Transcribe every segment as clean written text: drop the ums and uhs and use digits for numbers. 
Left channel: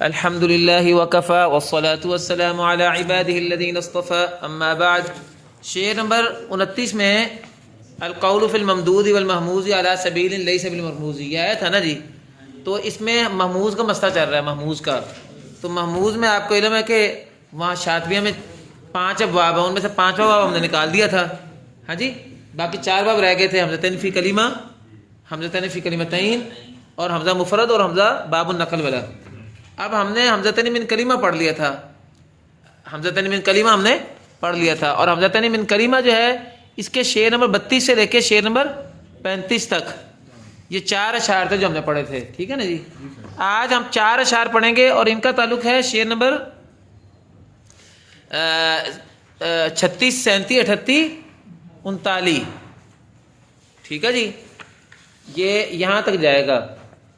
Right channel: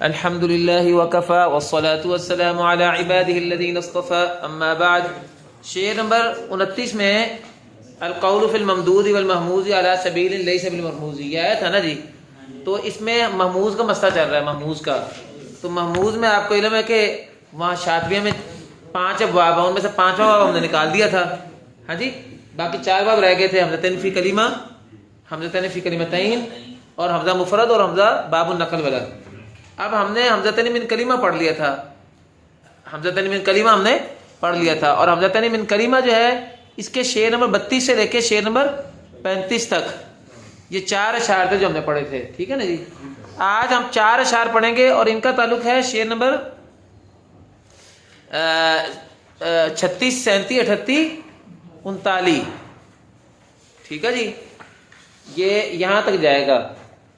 الحمد للہ وکفا والصلاة والسلام علی عبادہ الذین اصطفى اما بعد. شعر نمبر 29 میں القول فی الممدود والمحموز علی سبیل لیس بالمرموز، یہ آیا تھا نا جی. تو اس میں محموز کا مسئلہ چل رہا ہے، محموز کا. تو محموز میں آپ کو علم ہے کہ وہاں شاطبیہ میں 5 ابواب ہیں، ان میں سے 5واں باب ہم نے نکال دیا تھا. ہاں جی، باقی 4 باب رہ گئے تھے، حمزتین فی کلمہ، حمزتین فی کلمتین، اور حمزہ مفرد، اور حمزہ باب النقل والا. اب ہم نے حمزتین من کلمہ پڑھ لیا تھا، حمزتین من کلمہ ہم نے پڑھ لیا تھا. اور حمزتین من کلمہ جو ہے اس کے شعر نمبر 32 سے لے کے شعر نمبر 35 تک یہ 4 اشعار تھے جو ہم نے پڑھے تھے. ٹھیک ہے نا جی. آج ہم 4 اشعار پڑھیں گے اور ان کا تعلق ہے شعر نمبر 36 37 38 39. ٹھیک ہے جی، یہ یہاں تک جائے گا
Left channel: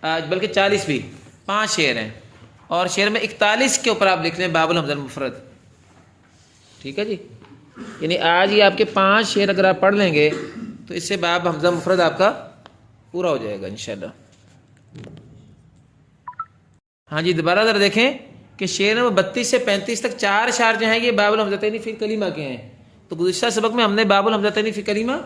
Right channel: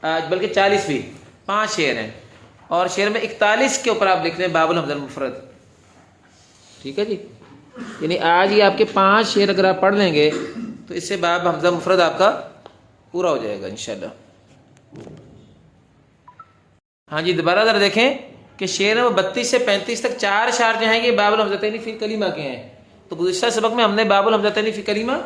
آج، بلکہ 40 بھی، 5 شعر ہیں. اور شعر میں 41 کے اوپر آپ لکھ لیں باب الحمزہ المفرد. ٹھیک ہے جی، یعنی آج یہ آپ کے 5 شعر اگر آپ پڑھ لیں گے تو اس سے باب حمزہ مفرد آپ کا پورا ہو جائے گا انشاءاللہ. ہاں جی، دوبارہ ذرا دیکھیں کہ شعر نمبر 32 سے 35 تک 4 اشعار جو ہیں یہ باب الحمزتین فی کلمہ کے ہیں. تو گزشتہ سبق میں ہم نے باب الحمزتین فی کلمہ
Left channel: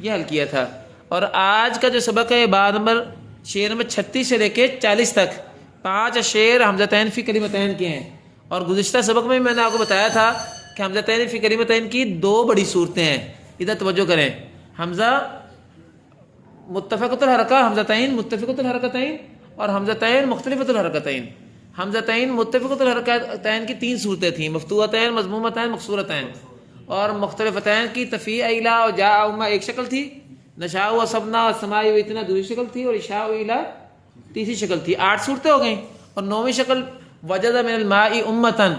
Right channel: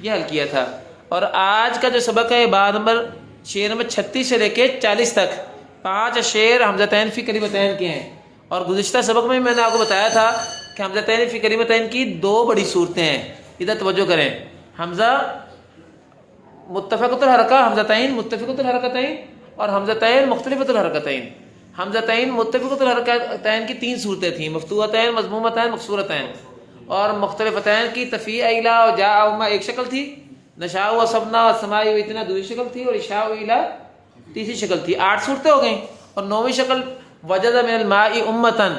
یہ حل کیا تھا. اور آج کا جو سبق ہے باب نمبر شعر نمبر 36 سے لے کے 40 تک 5 شعر حمزتین فی کلمتین کے ہیں. اور گزشتہ سبق میں نے آپ کو بتایا تھا کہ حمزتین فی کلمتین کی 2 بڑی صورتیں ہیں. ادھر توجہ کریں، حمزہ متفقۃ الحرکہ حمزتین متفقۃ الحرکتین، اور حمزتین مختلفۃ الحرکتین. حمزتین متفقۃ الحرکتین کی 3 صورتیں تھیں، مفتوحتین، مضمومتین، مکسورتین. اور مختلفتین کی تفیع الا اور جاء اما ایک شکل تھی، نشاء و سبنا و سماع و اتنا دوسری شکل تھی، اور اشاء و الا تیسری شکل تھی. 8 صورتیں ہو گئیں. اور 9ویں شکل وجد من الماء امتن،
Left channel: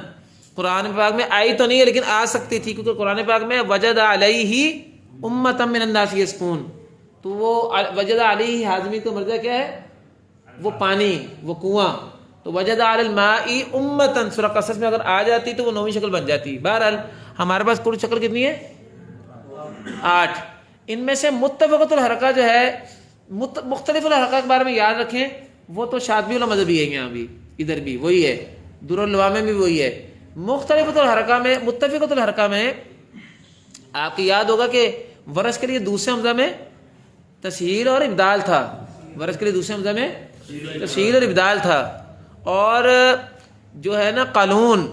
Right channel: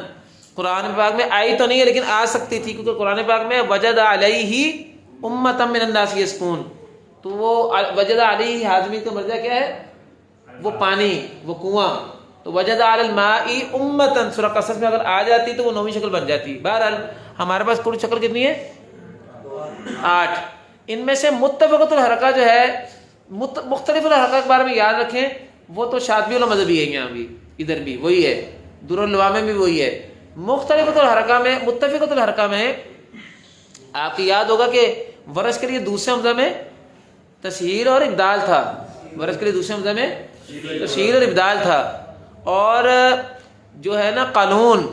قرآن پاک میں آئی تو نہیں ہے لیکن آ سکتی تھی، کیونکہ قرآن پاک میں وجد علیہ امتن من الناس یسقون. تو وہ وجد علیہ حاضمی کا مرجع کیا ہے؟ وہ پانی، وہ کنواں. تو وجد علی الماء امتن سورہ قصص میں اگر آ جاتی تو وہ 9ویں شکل بن جاتی. بہرحال ہمارے پاس کل شکل کتنی ہے؟ 8. ان میں سے متفقۃ الحرکہ جو ہے، مختلف الحرکہ کے بارے میں یاد رکھیں، وہ تو شاطبی والا مذہبی ہے، یہاں بھی ادھر بھی وہی ہے، در اللواء میں بھی وہی ہے. مختلف الحرکہ میں، متفقۃ الحرکہ میں آپ کو یاد ہوگا کہ ورش کے لیے دوسرے حمزہ میں تسہیل اور ابدال تھا، ورش کے لیے دوسرے حمزہ میں تسہیل اور ابدال تھا. اور جو ہے نا قانون،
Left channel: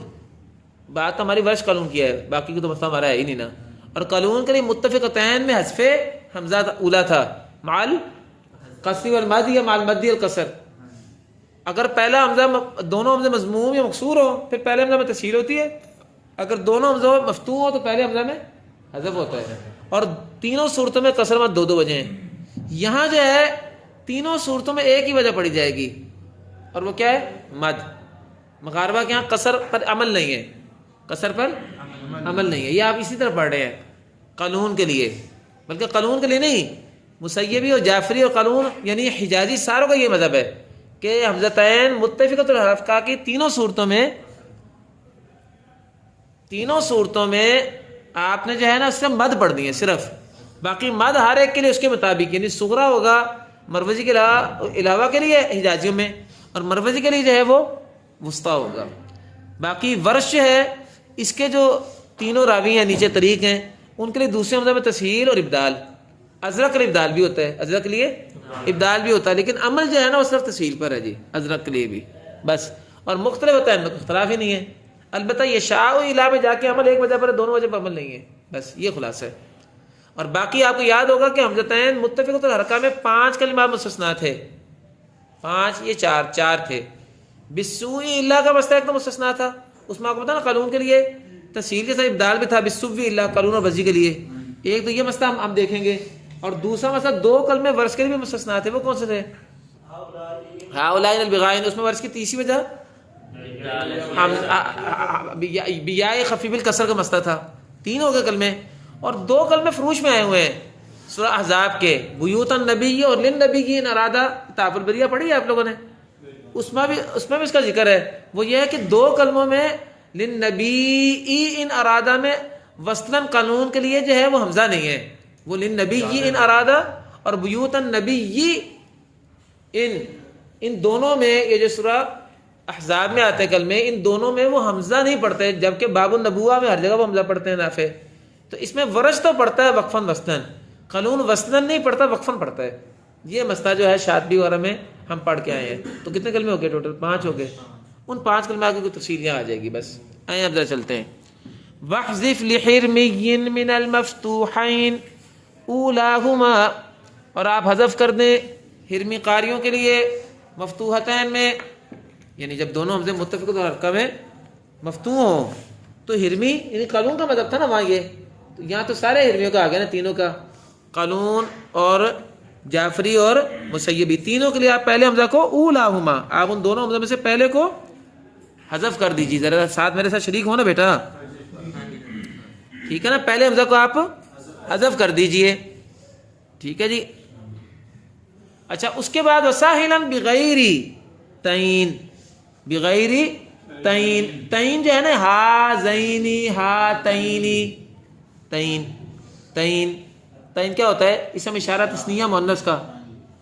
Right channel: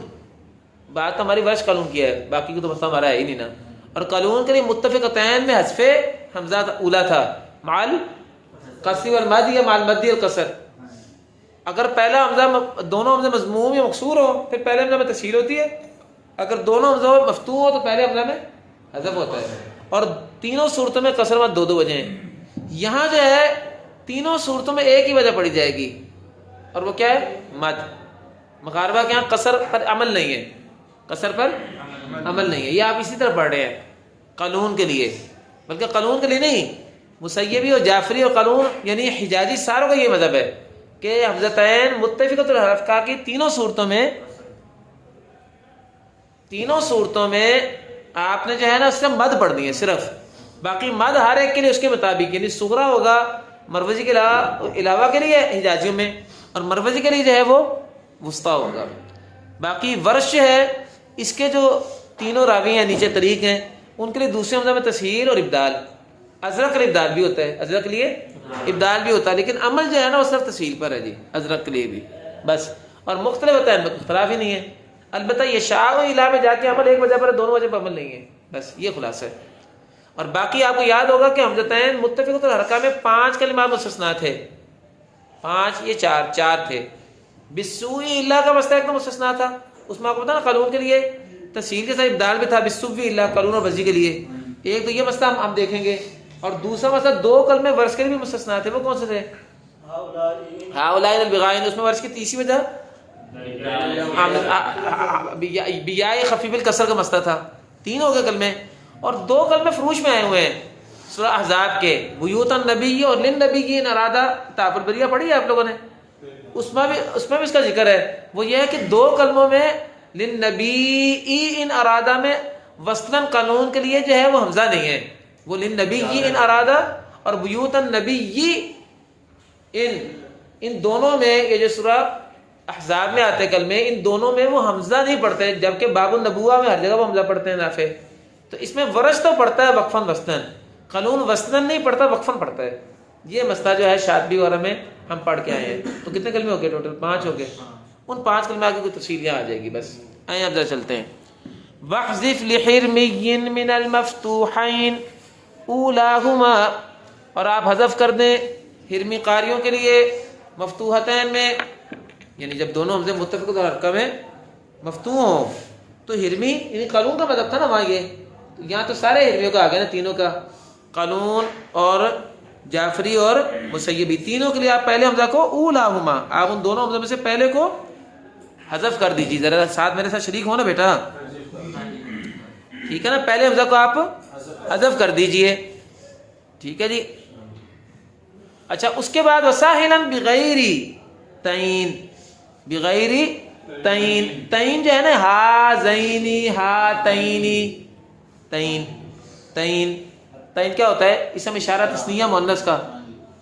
بات ہماری ورش قانون کی ہے، باقی کو تو مسئلہ ہمارا ہے ہی نہیں نا. اور قانون کے لیے متفقتین میں حذف حمزہ اولا تھا، مال قصری والمادی یا مال مدی القصر. اگر پہلا حمزہ، دونوں حمزے مضموم یا مکسور ہو پھر پہلے حمزہ میں تسہیل ہوتی ہے، اگر دونوں حمزے مفتوح ہو تو پہلے حمزہ میں حذف ہوتا ہے. اور تینوں صورتوں میں قصر میں 2 وجہ ہیں. یہاں جو ہے تینوں صورتوں میں ایک ہی وجہ پڑی جائے گی، اور وہ کیا ہے؟ مد. مغاربہ کے یہاں قصر پر عمل نہیں ہے، قصر پر عمل نہیں ہے. یہ آپ اسی طرح پڑھ رہے ہیں قانون کے لیے، بلکہ قانون کے لیے نہیں، مسیبی اور جعفری اور قانون یعنی حجازی ساروں کا یہ مذہب ہے کہ حمزتین متفقۃ الحرکہ کی تینوں صورتوں میں آپ نے جو ہے نا اس سے مد پڑھنی ہے صرف. باقی مد ہر ایک کے لیے اس کے مطابق، یعنی صغرا ہوگا مروزی کے علاوہ کے لیے حجازیوں میں، اور مروزی کے لیے جو ہے وہ وسطیٰ ہوگا. باقی ورش ہے، اس کے جو تینوں راوی ہیں نیچے طریق ہیں، ان کے لیے دوسرے حمزہ میں تسہیل اور ابدال. ازرق کے لیے ابدال بھی ہوتا ہے، ازرق کے لیے ابدال بھی ہوتا ہے، لیکن عمل جو ہے نا وہ صرف تسہیل پر ہے جی، ازرق کے لیے بھی بس. اور مختلف ہوتا ہے، اختلاف ہی نہیں ہے. البتہ یہ شاء و الا میں جا کے عمل ایک وجہ پر ہے، دونوں وجہ پر عمل نہیں ہے، بس یہ خلاصہ ہے. اور باقی آپ کو یاد ہوگا کہ حمزتین متفقۃ الحرکہ میں 5 کلمات مستثنیٰ تھے، 5 یہ 4 تھے. بالسوء الا کا مسئلہ ایک تو مستثنیٰ تھا، اس میں آپ کو پتا نا قانون کے لیے تسہیل کے ساتھ ابدال بھی تھا، بالسوء الا قانون اور وزی کے لیے. ایک تو یہ مسئلہ ہم دیکھیں گے، اور دوسرا مسئلہ 2 کلمے ورش کے لیے بھی مستثنیٰ تھے. وہ کون سے تھے؟ ہؤلاء البغائن، اس میں ورش کی تیسری وجہ بیاء خفیف الکسر کا مسئلہ تھا. 3 ہو گئے کلمے، اور 2 کلمے فروش میں آئے ہوئے ہیں سورہ احزاب کے، بیوت النبی اور للنبی ان ارادہ. طاف البریہ پڑھی ہے آپ لوگوں نے؟ اس میں بھی اس کا ذکر ہے. وہ یہ ہے کہ 2 کلموں میں للنبی ان ارادہ میں وصلاً قانون کے لیے جو ہے وہ حمزہ نہیں ہے، وہ للنبی ان ارادہ، اور بیوت النبی ان دونوں میں یہ جو سورہ احزاب میں آتے کلمے، ان دونوں میں وہ حمزہ نہیں پڑھتے، جبکہ باب النبوہ میں ہر جگہ وہ حمزہ پڑھتے ہیں نافع. تو اس میں ورش تو پڑھتا ہے وقفاً وسطاً، قالون وسطاً نہیں پڑھتا، وقفاً پڑھتا ہے. یہ مسئلہ جو ہے شاطبی وغیرہ میں ہم پڑھ کے آئے ہیں. تو کتنے کلمے ہو گئے ٹوٹل؟ 5 ہو گئے. ان 5 کلمے آگے کی تفصیل یہاں آ جائے گی. بس آئیں اب ذرا چلتے ہیں. وَحْذِفْ لِحِرْمِيٍّ مِّنَ الْمَفْتُوحَيْنِ أُولَاهُمَا، اور آپ حذف کر دیں ہرمی قاریوں کے لیے مفتوحتین میں، یعنی جب دونوں حمزے متفق اور حرکہ میں مفتوح ہوں تو ہرمی، یعنی قالون کا مطلب تھا نا وہاں یہ، تو یہاں تو سارے ہرمیوں کا آ گیا نا، تینوں کا، قالون اور جعفری اور مسیبی، تینوں کے لیے آپ پہلے حمزہ کو اولاہما، آپ ان دونوں حمزوں میں سے پہلے کو حذف کر دیجیے. ذرا ساتھ میرے ساتھ شریک ہو نا بیٹا، ٹھیک ہے نا؟ پہلے حمزہ کو آپ حذف کر دیجیے، ٹھیک ہے جی. اچھا اس کے بعد وساہلا بغیر تعین، بغیر تعین، تعین جو ہے نا ہا زینی ہا تعینی، تعین، تعین، تعین کیا ہوتا ہے؟ اسم اشارہ تثنیہ مؤنث کا،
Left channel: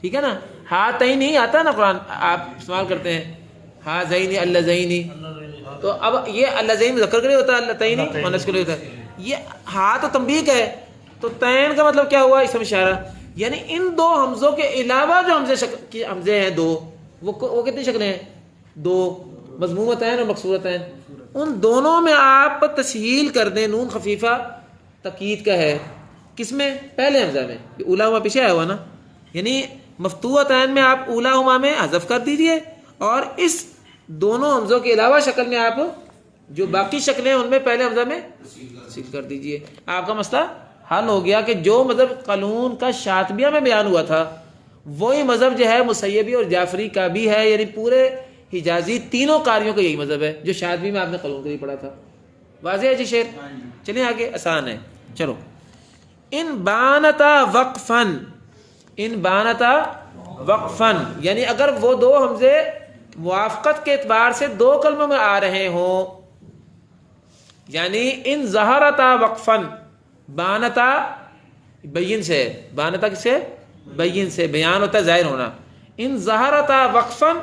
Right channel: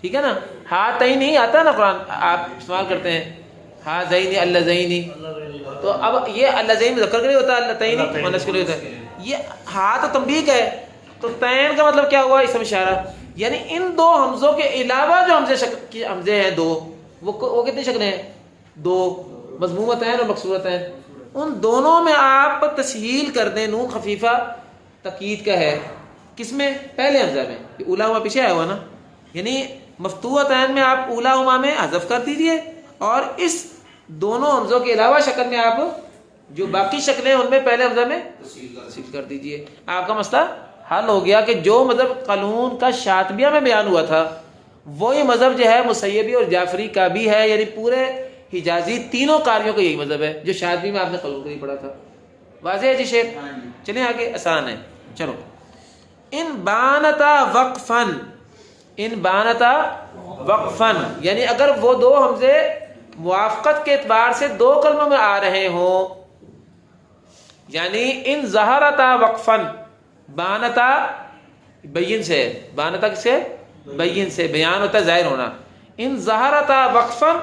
ٹھیک ہے نا؟ ہا تعین نہیں آتا نا قرآن، آپ استعمال کرتے ہیں ہا زینی اللہ زینی، تو اب یہ اللہ زین مذکر کے لیے ہوتا ہے، اللہ تعین مؤنث کے لیے ہوتا ہے. یہ ہا تو تنبیہ کا ہے، تو تعین کا مطلب کیا ہوا؟ اسم اشارہ. یعنی ان دو حمزوں کے علاوہ جو حمزے ہیں دو، وہ کتنی شکلیں ہیں؟ 2، مضمومتین اور مکسورتین. ان دونوں میں آپ تسہیل کر دیں، نون خفیفہ تقیید کا ہے، کس میں؟ پہلے حمزہ میں. اولاہما پیچھے آیا ہوا نا، یعنی مفتوحتین میں آپ اولاہما میں حذف کر دیجئے، اور اس دونوں حمزوں کے علاوہ شکل میں آپ جو باقی شکلیں ان میں پہلے حمزہ میں تسہیل کر دیجئے. آپ کا مسئلہ حل ہو گیا کہ جو مذہب قالون کا شاطبیہ میں بیان ہوا تھا وہی مذہب جو ہے مسیبی اور جعفری کا بھی ہے، یعنی پورے حجازی تینوں قاریوں کا یہی مذہب ہے جو شاطبی میں آپ نے قالون کے لیے پڑھا تھا. واضح ہے جی شیخ؟ چلیں آگے، آسان ہے. چلو، ان بانتا وقفن، ان بانتا وقفن، یعنی اگر وہ دو حمزے موافقت کے اعتبار سے 2 کلموں میں آ رہے ہوں، یعنی ان ظہرتا وقفن، بانتا بین سے، بانتا کس سے؟ بین سے، بیان ہوتا ہے ظاہر ہونا. ان ظہرتا وقفن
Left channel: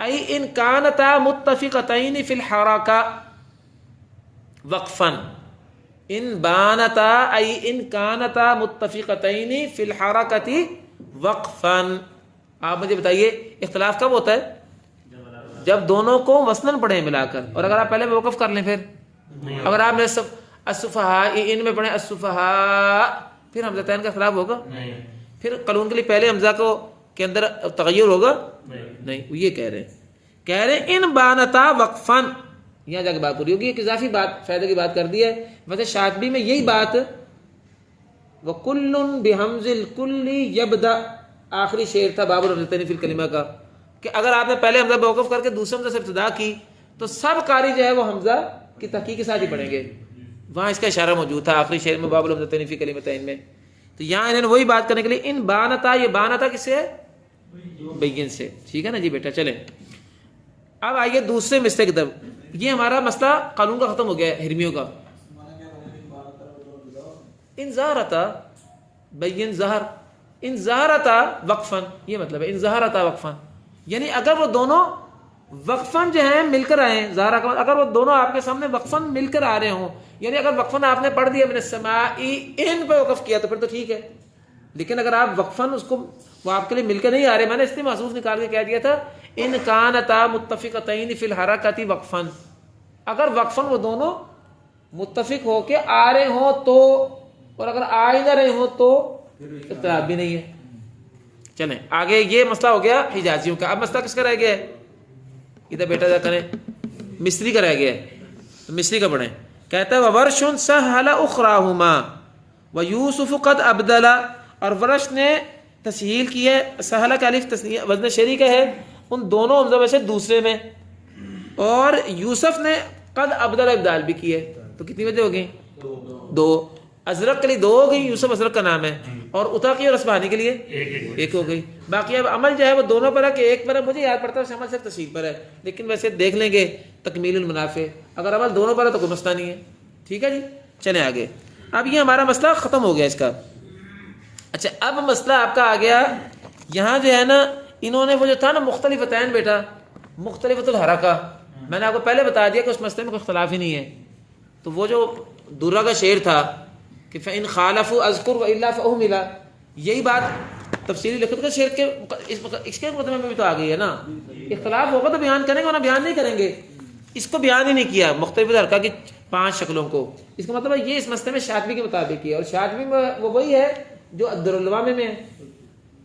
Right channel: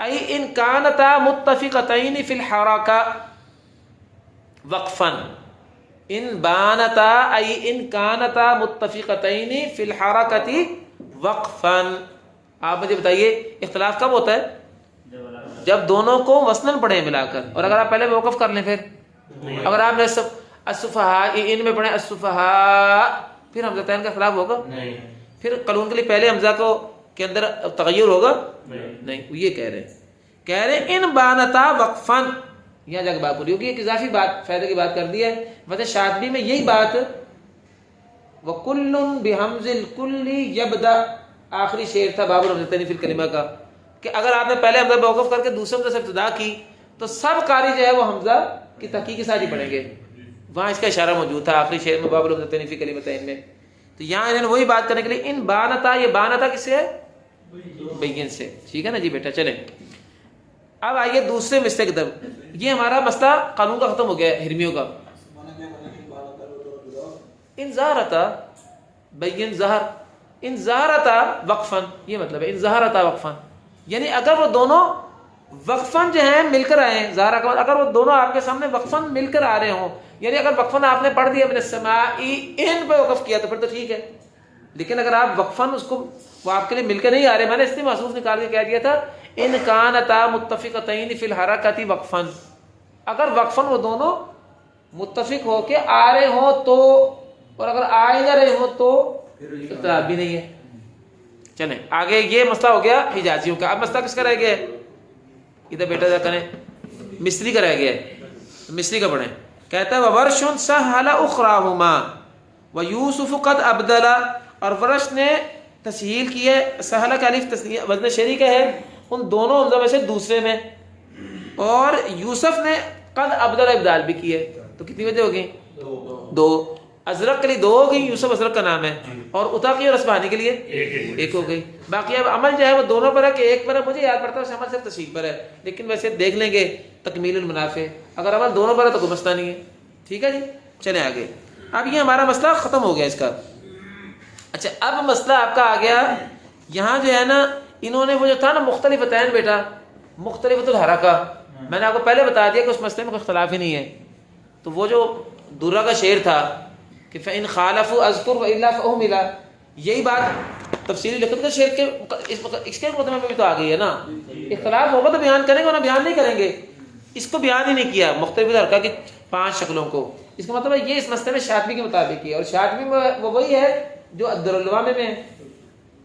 ای ان کانتا متفقتین فی الحرکہ وقفن، ان بانتا ای ان کانتا متفقتین فی الحرکۃ وقفن. آپ مجھے بتائیے اختلاف کب ہوتا ہے؟ جب دونوں کو وصلاً پڑھیں ملا کر، اور اگر آپ پہلے موقف کر لیں، پھر اگر آپ نے الصفحاء ان میں پڑھیں الصفحاء، پھر حمزتین کا اختلاف ہوگا؟ نہیں. پھر قالون کے لیے پہلے حمزہ کو کے اندر تغیر ہوگا؟ نہیں. یہ کہہ رہے ہیں ان بانتا وقفن، یہاں جا کے بات پوری ہوگی. ایک اضافی بات، فائدہ کی بات کر دی ہے. ویسے شاطبی میں یہی بات وَكُلٌّ بِحَمْزِ الْكُلِّ يَبْدَأ، آخری شعر تھا باب الحمزتین فی الکلمہ کا، کہ اگر آپ نے پہلے حمزہ موقف کر کے دوسرے حمزہ سے ابتدا کی تو سب قاری جو ہے وہ حمزہ کی تحقیق کے ساتھ ہی پڑھیں گے. وہاں اس کا اشارہ موجود تھا آخری شعر میں باب الحمزتین فی کلمتین میں. تو یہاں انہوں نے وہی بات کرنے کے لیے ان بانتا، یہ بانتا کس سے ہے؟ بین سے. ٹھیک ہے نا جی بیٹا؟ چلیں اب آئیے دوسرے مسئلے کی طرف. یہ ہمارا مسئلہ قانون کا ختم ہو گیا ہے، ہرمیوں کا. ان ظہرتا بین ظہر، ان ظہرتا وقفن، یہ مطلب ہے ان ظہرتا وقفن، یعنی اگر وہ دونوں وقفن جو ہیں مل کر آئے ہیں، ظاہر اگر وہ دونوں آپ کے سامنے وقفن مل کر آ رہے ہوں، یعنی اگر وقفن آپ نے پڑھ دیا اپنے سماعی ان پہ وقف کیا تو پھر تو ٹھیک ہے. لیکن اگر آپ وقفن اس کو وہ آپ کے لیے مل کر نہیں آ رہے، میں نے اس لیے محسوس نکال کے کہہ دیا تھا ان کانتا متفقتین فی الحرکۃ وقفن، اگر وقفن وہ دونوں متفق ہو کے آ رہے ہوں تو، اور اگر آ ہی نہ رہے ہوں تو اختلاف بھی نہیں ہے. چلیں آگے، یہ مسئلہ ہو گیا حجازیوں کا. اب مسئلہ کس کا رہ گیا ہے؟ ادھر بیٹا جا کریں، مصری کا رہ گیا ہے. مصری کا پڑھیں. کہتا ہے وَوَرْشٌ سَهَّلَ أُخْرَاهُمَا وَيُوسُفُ قَدْ أَبْدَلَ، اور ورش نے تسہیل کی ہے، سہلہ کا الف تسہیل وزن شری کا ہے ان دونوں حمزوں میں سے دوسرے میں، اور یوسف نے قد ابدل ابدال بھی کی ہے. تو کتنی وجہ ہو گئی؟ 2. ازرق کے لیے 2 ہو گئی، یوسف ازرق کا نام ہے، اور اتاقی اور اصبہانی کے لیے 1 ہو گئی. باقی اب عمل جو ہے وہ دونوں پر ہے کہ ایک پر ہے، مجھے یاد پڑتا ہے عمل صرف تشریح پر ہے، لیکن ویسے دیکھ لیں گے تکمیل المنافع، اگر عمل دونوں پر ہے تو کوئی مسئلہ نہیں ہے. ٹھیک ہے جی؟ چلیں آگے. اب یہ ہمارا مسئلہ ختم ہو گیا اس کا. اچھا اب مسئلہ آپ کا آ گیا یہاں جو ہے نا، انہوں نے وہ جو تھا نا مختلف عطین بیٹا، مختلفۃ الحرکہ، میں نے آپ کو پہلے بتا دیا کہ اس مسئلے میں کوئی اختلاف ہی نہیں ہے. تو وہ جو درہ کا شعر تھا کہ فَإِنْ خَالَفُوا أَذْكُرْ وَإِلَّا فَأُهْمِلَ، یہی بات تفصیلی لکھت کا شعر کے اس کے مقدمے میں بھی تو آ گئی ہے نا. اختلاف ہوگا تو بیان کریں گے ورنہ بیان نہیں کریں گے. اس کو بیان ہی نہیں کیا مختلف حرکہ کی 5 شکلوں کو. اس کا مطلب ہے یہ اس مسئلے میں شاطبی کے مطابق ہے، اور شاطبی میں وہ وہی ہے جو الدراللوامہ میں ہے.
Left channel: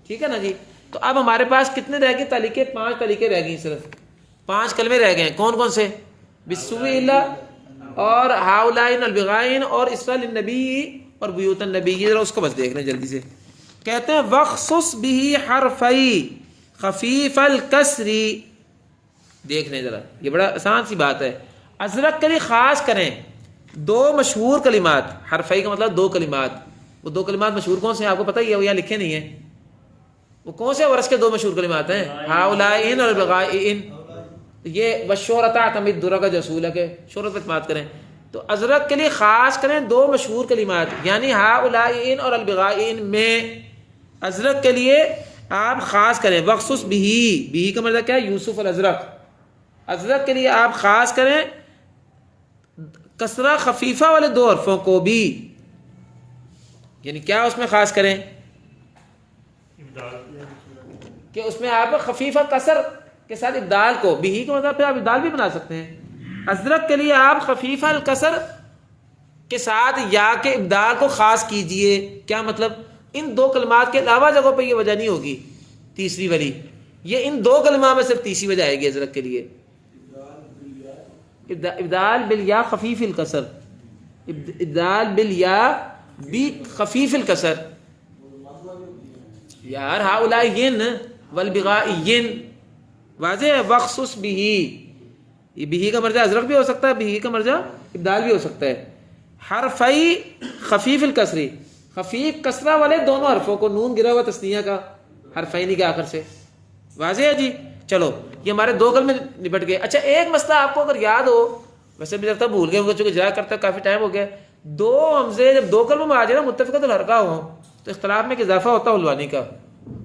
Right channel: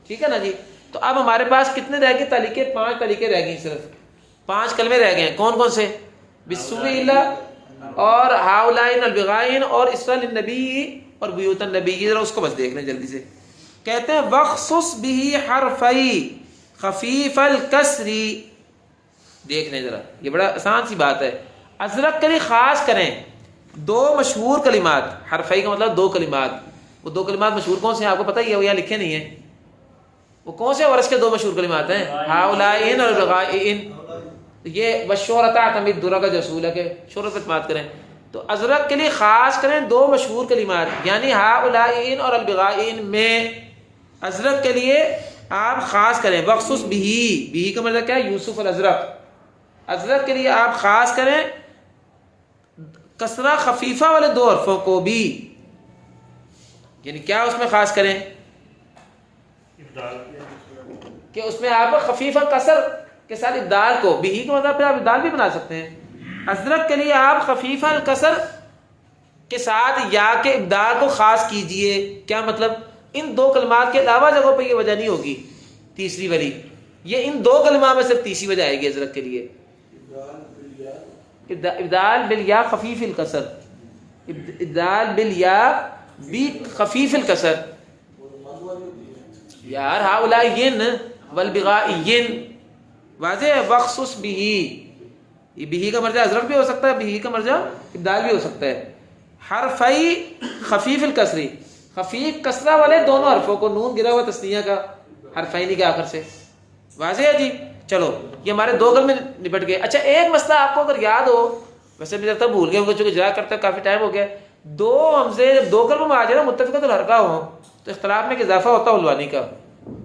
ٹھیک ہے نا جی. تو اب ہمارے پاس کتنے رہ گئے تعلیقیں؟ 5 تعلیقیں رہ گئی، صرف 5 کلمے رہ گئے. کون کون سے؟ بِالسُّوءِ إِلَّا اور ہاؤلائن البغائن اور اسرا للنبی اور بیوت النبی. ذرا اس کو بس دیکھ لیں جلدی سے. کہتے ہیں وخصص به حرفی خفیف الکسری. دیکھ لیں ذرا، یہ بڑا آسان سی بات ہے. ازرق کے لیے خاص کریں 2 مشہور کلمات. حرفی کا مطلب 2 کلمات. وہ 2 کلمات مشہور کون سے ہیں آپ کو پتہ ہی ہے؟ وہ یہاں لکھے نہیں ہیں. وہ کون سے ورث کے 2 مشہور کلمات ہیں؟ ہاؤلائن اور البغائن. یہ وشہرۃ اعتمد درہ کا جو اصول ہے کہ شہرت پہ اعتماد کریں. تو ازرق کے لیے خاص کریں 2 مشہور کلمات، یعنی ہاؤلائن اور البغائن میں ازرق کے لیے آپ خاص کریں. وخصوص بھی کا مطلب کیا ہے؟ یوسف الازرق. ازرق کے لیے آپ خاص کریں کسرہ خفیفہ والے 2 حرفوں کو بھی. یعنی کیا اس میں خاص کریں کہ اس میں آپ خفیفہ کسر کے ساتھ ابدال کو، بھی کو مطلب پھر آپ ابدال بھی بنا سکتے ہیں. ازرق کے لیے آپ خفیفہ الکسر کے ساتھ یا کے ابدال کو خاص کیجئے. کیا مطلب؟ ان 2 کلمات کے علاوہ جگہوں پہ یہ وجہ نہیں ہوگی تیسری والی. یہ ان 2 کلمات میں صرف تیسری وجہ آئے گی ازرق کے لیے. ابدال بالیا خفیف الکسر، ابدال بالیا بی خفیف الکسر. یار ہاؤلائن والبغائن واضح ہے. وخصوص بھی، یہ بھی کا مرجع ازرق بھی ہو سکتا ہے، بھی کا مرجع ابدال بھی ہو سکتا ہے. حرفی خفیف الکسری، خفیف کسرہ والے دونوں حرفوں کو، نون گرا ہوا تثنیہ کا حرفین کے آخر سے. واضح ہے جی. چلو یہ ہمارے 2 گل میں نپٹ گئے. اچھا ایک مسئلہ آپ کو اگر یاد ہو، ویسے بھی لگتا ہے بھول گئے ہوں گے چونکہ جا کرتا کافی ٹائم ہو گیا. 2 حمزے جب 2 کلموں میں آ جائے نا متفقۃ الحرکہ ہوں تو اختلاف میں ایک اضافہ ہوتا ہے حلوانی کا.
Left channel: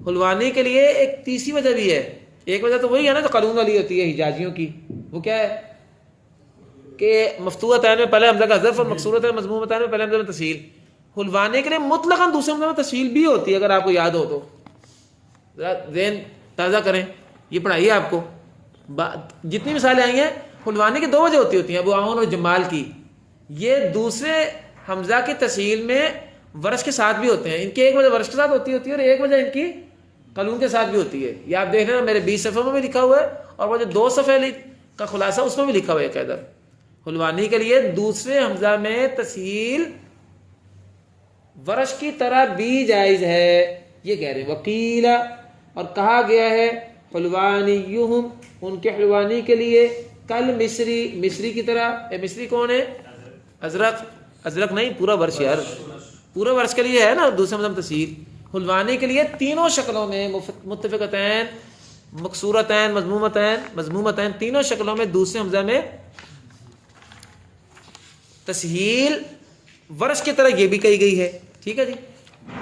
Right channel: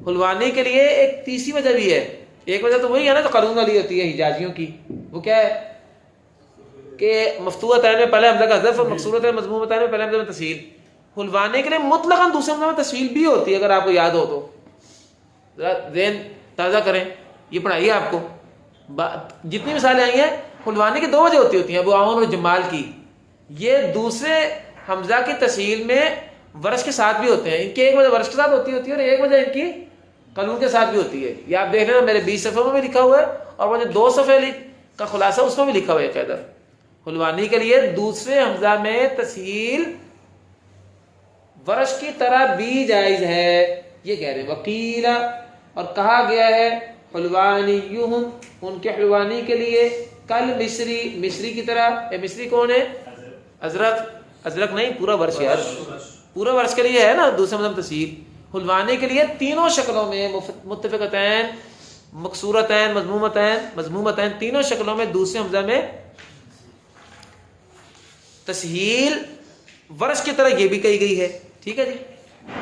حلوانی کے لیے ایک تیسری وجہ بھی ہے. ایک وجہ تو وہی ہے نا جو قانون والی ہوتی ہے حجازیوں کی. وہ کیا ہے کہ مفتوحتین میں پہلے حمزہ کا حذف اور مکسورتین مضمومتین میں پہلے حمزہ میں تسہیل. حلوانے کے لیے مطلقاً دوسرے حمزہ میں تسہیل بھی ہوتی ہے. اگر آپ کو یاد ہو تو ذرا ذہن تازہ کریں، یہ پڑھائیے آپ کو. جتنی مثالیں آئی ہیں حلوانے کی 2 وجہ ہوتی ہیں، ابو عون اور جمال کی. یہ دوسرے حمزہ کی تسہیل میں ورش کے ساتھ بھی ہوتے ہیں. ان کی ایک وجہ ورش کے ساتھ ہوتی ہے اور ایک وجہ ان کی قانون کے ساتھ بھی ہوتی ہے. یہ آپ دیکھ رہے ہیں میرے 20 صفحوں میں بھی لکھا ہوا ہے اور وہ جو 2 صفحے کا خلاصہ اس میں بھی لکھا ہوا ہے قاعدہ. حلوانی کے لیے دوسرے حمزہ میں تسہیل ورش کی طرح بھی جائز ہے. یہ کہہ رہے ہیں وکیل، اور کہا گیا ہے حلوانیہم، ان کے حلوانی کے لیے کل مصری، مصری کی طرح. مصری کون ہے؟ ازرق. ازرق نہیں، پورا ورش یار، پورا ورش کے لیے ہے نا دوسرے مطلب تسہیل. حلوانے کے لیے تینوں شکلوں میں متفقتین، مکسورتین، مضمومتین، تینوں شکلوں میں دوسرے حمزہ میں تسہیل ورش کی طرح یہ بھی کہی گئی ہے. ٹھیک ہے جی.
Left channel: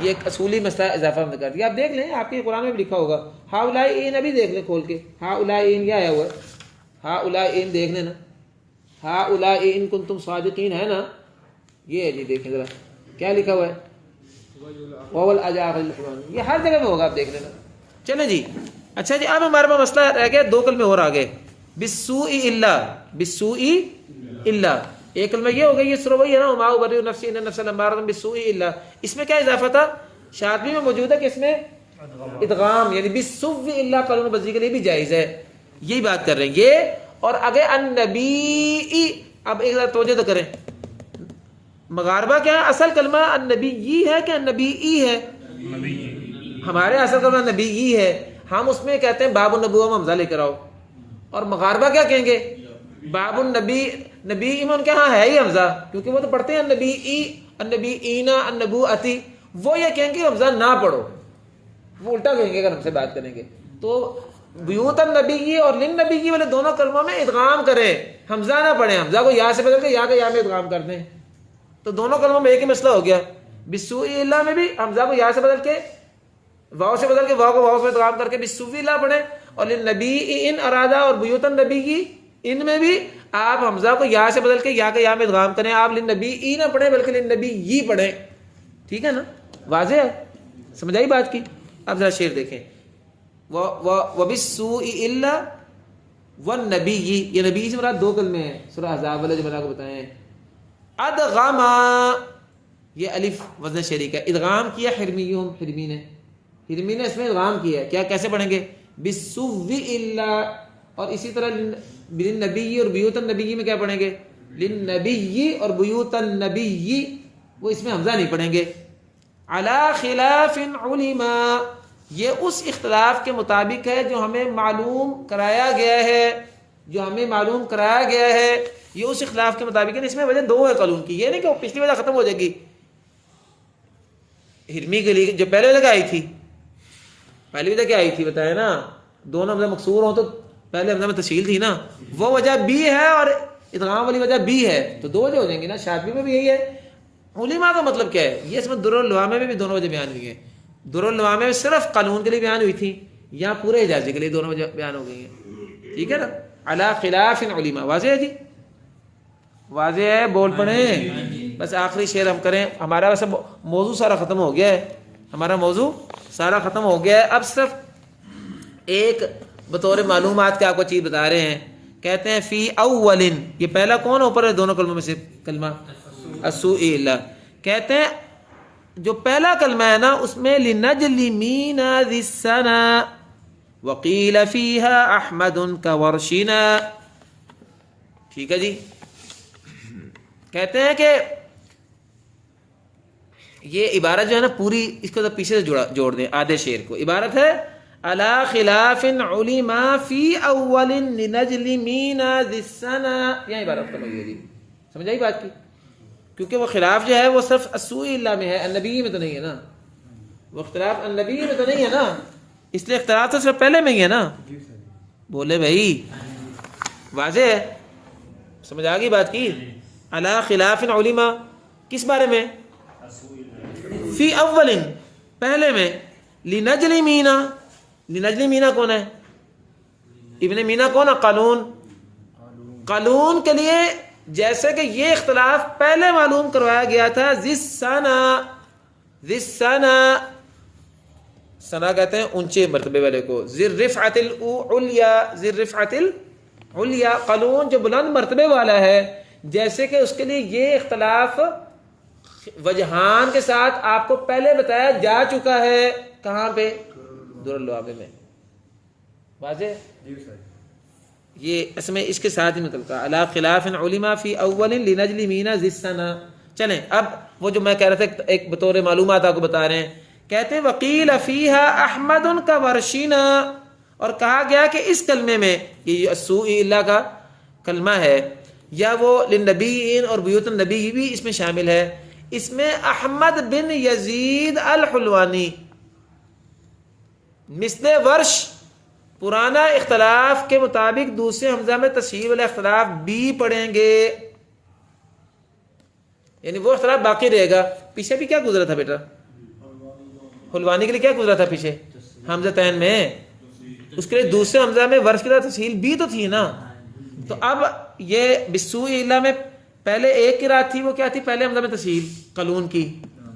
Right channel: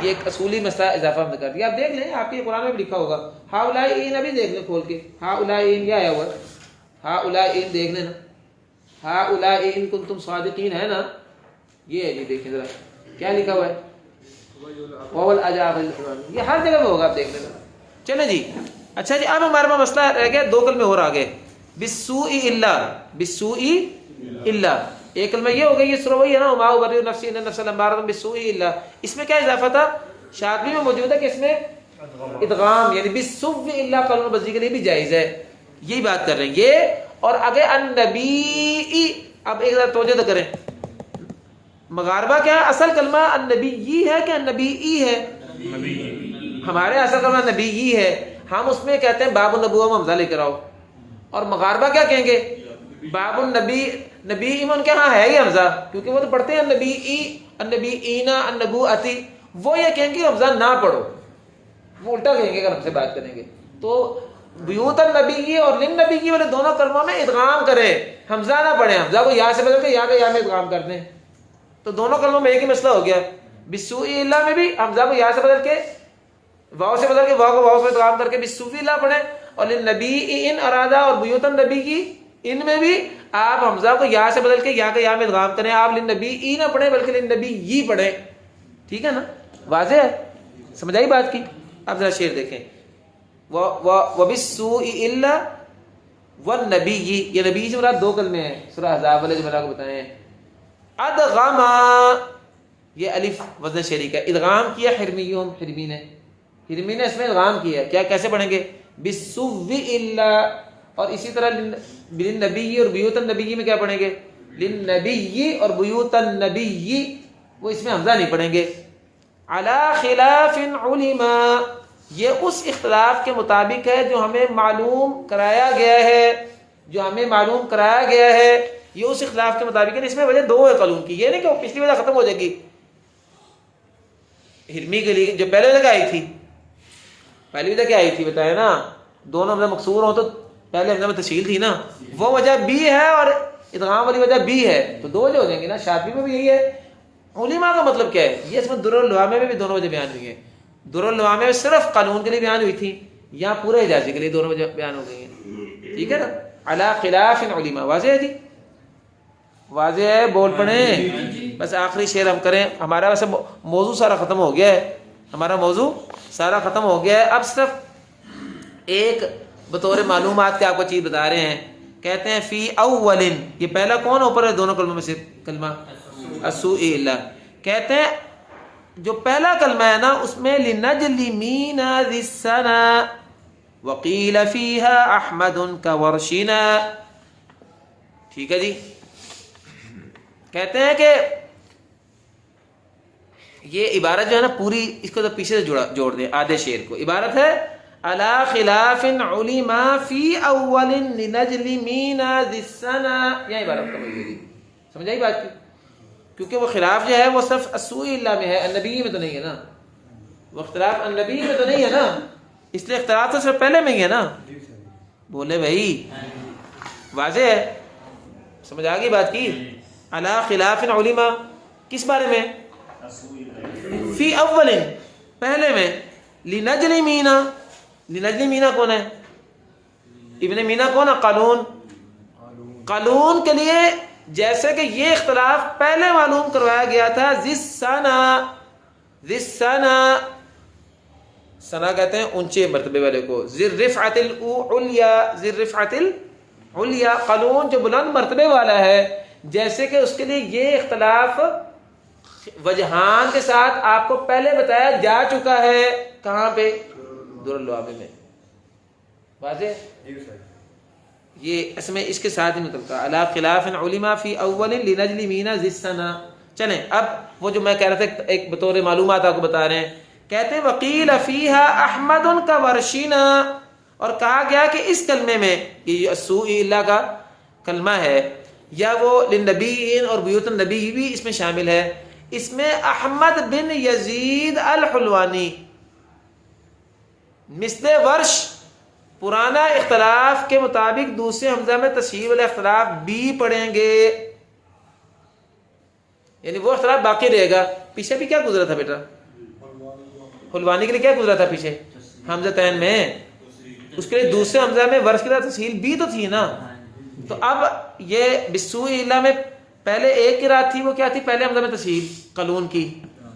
یہ ایک اصولی مسئلہ اضافہ ہم نے کر دیا. آپ دیکھ لیں، آپ کے قرآن میں بھی لکھا ہوگا. ہاؤلائن ابھی دیکھ لیں کھول کے. ہاؤلائن کیا آیا ہوا ہے؟ ہاؤلائن دیکھ لیں نا. ہاؤلائن کنتم صادقین ہے نا. یہ ہے جی، دیکھیں ذرا کیا لکھا ہوا ہے. یہ ہر جگہ میں ہوگا، آپ دیکھ لینا. چلیں جی. اچھا جی، اب ہمارے پاس مسئلہ رہ گیا 2 کلمے اور آگے. بالسوء الا، بالسوء الا ایک کلمہ یہ ہو گئی. یہ سورہ وہی ہے نا، وما ابرئ نفسی ان النفس لامارۃ بالسوء الا. اس میں کیا اضافہ تھا؟ شاطبی میں موجود ہے کہ اس میں ادغام، یعنی بالسوء الا قانون بزی کے لیے بھی جائز ہے. یہی بات کر رہے ہیں یہ. اور آگے النبی. اب ایک ذرا توجہ تو کریں، مغاربہ کیا ہے؟ اصل کلمہ النبی ہے کہ النبی ہے؟ ہمارے اصل کلمہ نبی ہے. ہم اس میں کہتے ہیں باب النبوہ میں حمزہ لے کر آؤ. اور مغاربہ کیا کہیں گے؟ باب النبی. نبی میں ان کے ہاں ہے ہی حمزہ، کیونکہ وہ تو پڑھتے ہیں النبی، النبی اینا، النبوۃ. وہ یہ کہیں گے حمزہ نہ پڑھو، وہ الٹا کہیں گے اگر ہم سے بات کریں گے تو. بیوت النبی اور للنبی والے دونوں کلموں میں ادغام کریں، حمزہ نہ پڑھیں. حمزہ کو یا سے بدل کے یا کے یا میں ادغام کر دیں تو دونوں کلموں میں ایک ہی مسئلہ ہو گیا. بالسوء الا میں بھی حمزہ کو یا سے بدل کے واو سے بدل کے واو کو واو سے ادغام کر کے بالسوء الا پڑھیں، اور للنبی ان ارادہ اور بیوت النبی کی ان میں بھی آپ حمزہ کو یا سے بدل کے یا کا یا میں ادغام کریں, آپ للنبی ای نہ پڑھیں بلکہ للنبی ی پڑھیں. ٹھیک ہے نا, واضح ہے, سمجھ آئی بات کی. اب ذرا شعر دیکھیں, وَبِالسُّوءِ إِلَّا وَالنَّبِيِّ, یہ نبی سے مراد دو کلمے ہیں سورہ احزاب والے جو میں نے آپ کو بتائے ہیں. ادغما, یہ الف وزن شعری کا, ادغام کیا حرمیون, حرمی نے اس میں ادغام کیا. کیا کیسے پڑھیں گے؟ بِالسُّوءِ إِلَّا, اور اسی طرح للنبی اور بیوت النبی میں کیا پڑھیں گے؟ للنبی اور بیوت النبی, وہ اس میں حمزہ نہیں پڑھیں گے. علی خلاف علما, یہ اس اختلاف کے مطابق ہے جو ہمیں معلوم کرایا گیا ہے, جو ہمیں معلوم کرایا گیا ہے, یہ اس اختلاف کے مطابق ہے. اس میں وجہ دو ہے قانون کی, یہ نہیں کہ وہ پچھلی وجہ ختم ہو جائے گی. ہرمی کے لیے جو پہلے وجہ آئی تھی, پہلی وجہ کیا آئی تھی بتائے نا, دونوں حمزہ مکسور ہوں تو پہلے حمزہ میں تشکیل تھی نا, وہ وجہ بھی ہے اور ادغام والی وجہ بھی ہے, تو دو وجہ ہو جائیں گے نا. شاطبی میں بھی یہی ہے. علماء کا مطلب کیا ہے؟ یہ اس میں دراللوامہ میں بھی دونوں وجہ بیان ہوئی ہیں. دراللوامہ میں صرف قانون کے لیے بیان ہوئی تھی, یہاں پورے اجازے کے لیے دونوں وجہ بیان ہو گئی ہیں. ٹھیک ہے نا, علی خلاف علما. واضح ہے جی, واضح ہے, بول پڑیں. بس آخری شعر ہم کریں, ہمارا ویسے موضوع سارا ختم ہو گیا ہے, ہمارا موضوع سارا ختم ہو گیا ہے. اب صرف ایک بطور معلومات کے آپ کو چیز بتا رہے ہیں. کہتے ہیں فی اول, یہ پہلا کون اوپر ہے دونوں کلموں میں سے؟ کلمہ السوء اللہ. کہتے ہیں جو پہلا کلمہ ہے نا اس میں لنجلمین ذی السنا وقیل فیہا احمد کورشنا. ٹھیک ہے جی, کہتے ہیں کہ یہ عبارت جو ہے نا پوری, اس کو تو پیچھے سے جوڑ دیں آدھے شعر کو. عبارت ہے علی خلاف علما فی اول لنجلمین ذی السنا, یہ عبارت کریں گے جی. سمجھ آئی بات کی؟ کیونکہ وہ خلاف جو ہے وہ صرف السوء اللہ میں ہے, النبی میں تو نہیں ہے نا. وہ اختلاف النبی میں تو نہیں ہے نا, اس لیے اختلاف تو صرف پہلے میں ہی ہے نا. بولے بھائی, واضح ہے, سمجھ آ گئی بات کی. علی خلاف علما کس بارے میں؟ فی اول, پہلے میں. لنجلمین, لنجلمین کون ہے؟ ابن مینا کون ہے؟ قانون. قانون کے لیے جیسے کہ یہ اختلاف پہلے معلوم کروایا گیا تھا. ذِسَّنَا, سنا کہتے ہیں اونچے مرتبے والے کو. ذِرِّفْعَةِ الْعُلْيَا, ذِرِّفْعَةِ الْعُلْيَا, قانون جو بلند مرتبے والا ہے, جیسے کہ اس کے لیے یہ اختلاف وجہان کے ساتھ آپ کو پہلے بتایا جا چکا ہے. کہاں پہ؟ دراللوامہ میں. واضح؟ یہ اس میں اس کے ساتھ ہی نکلتا ہے. علی خلاف علما فی اول لنجلمین ذی السنا. چلیں اب وہ جو میں کہہ رہا تھا ایک بطور معلومات آپ کو بتا رہے ہیں. کہتے ہیں وقیل فیہا احمد کورشنا, اور کہا گیا کہ اس کلمے میں, یہ السوء اللہ کا کلمہ ہے, یا وہ للنبیین اور بیوت النبی بھی اس میں شامل ہے, اس میں احمد بن یزید الحلوانی مثل ورش پرانا اختلاف کے مطابق دوسرے حمزہ میں تصحیح والا اختلاف بھی پڑھیں گے. یعنی وہ اختلاف باقی رہے گا. پیچھے بھی کیا گزرا تھا بیٹا؟ حلوانی کے لیے کیا گزرا تھا پیچھے؟ حمزہ تین میں. اس کے لیے دوسرے حمزہ میں ورش کی طرح تصحیح بھی تو تھی نا. تو اب یہ بالسوء اللہ میں پہلے ایک قرات تھی, وہ کیا تھی؟ پہلے حمزہ میں تصحیح قلون کی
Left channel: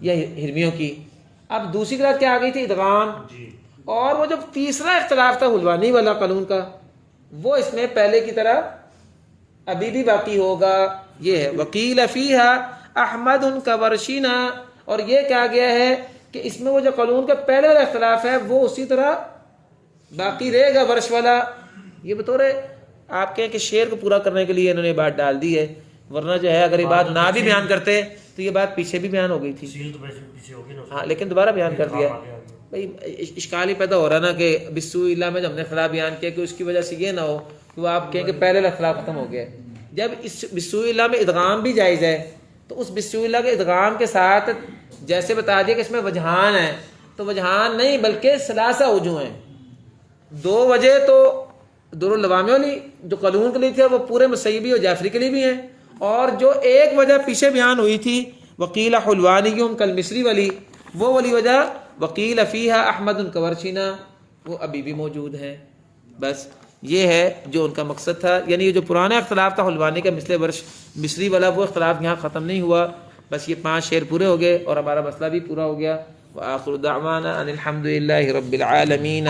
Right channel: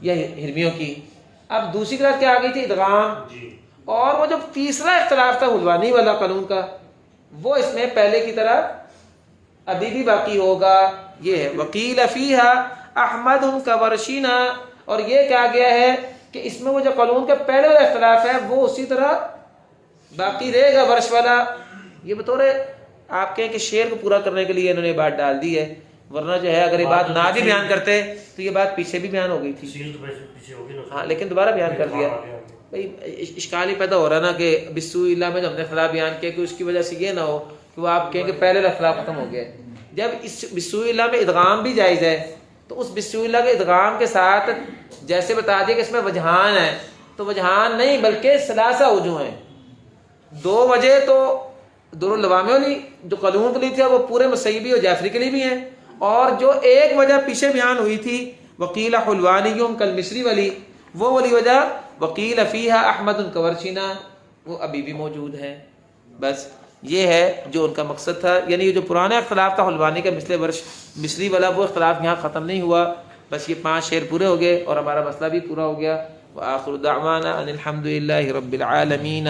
یا ہرمیوں کی. اب دوسری قرات کیا آ گئی تھی؟ ادغام. اور وہ جو تیسرا اختلاف تھا حلوانی والا قانون کا, وہ اس میں پہلے کی طرح ابھی بھی باقی ہوگا. یہ ہے وقیل فیہا احمد کورشنا, اور یہ کہا گیا ہے کہ اس میں وہ جو قانون کا پہلے والا اختلاف ہے وہ اسی طرح باقی رہے گا, ورش والا. یہ بطور آپ کہیں کہ شعر کو پورا کرنے کے لیے انہوں نے بات ڈال دی ہے, ورنہ جو ہے اگر یہ بات نہ بھی بیان کرتے تو یہ بات پیچھے بھی بیان ہو گئی تھی. ہاں, لیکن دوبارہ بیان کر دیا. اشکال ہی پیدا ہو رہا نا کہ بالسوء اللہ میں جو ہم نے خلاف بیان کیا کہ اس کی وجہ سے یہ نہ ہو کہ وہ آپ کہیں کہ پہلے خلاف ختم ہو گیا. جب اس بالسوء اللہ میں ادغام بھی جائز ہے تو اس بالسوء اللہ کے ادغام کے ساتھ جیسے بتا دیا کہ اس میں وجہان ہے, تو وجہان نہیں بلکہ ثلاثہ وجوہ ہیں. دو وجہ تو دراللوامہ والی جو قانون کے لیے تھی وہ پورے مصیبی اور جعفری کے لیے بھی ہیں, اور جو ایک وجہ پیچھے بیان ہوئی تھی وقیل حلوانیوں کل مصری والی, وہ والی وجہ وقیل فیہا احمد کورشنا, وہ ابھی بھی موجود ہے. بس یہ ہے جو ان کا مقصد تھا. یعنی یہ جو پرانا اختلاف تھا حلوانی کا مثل ورش مصری والا، وہ اختلاف یہاں ختم نہیں ہوا. بس یہ 5 شعر پورے ہو گئے اور ہمارا مسئلہ بھی پورا ہو گیا. وآخر دعوانا ان الحمد للہ رب العالمین.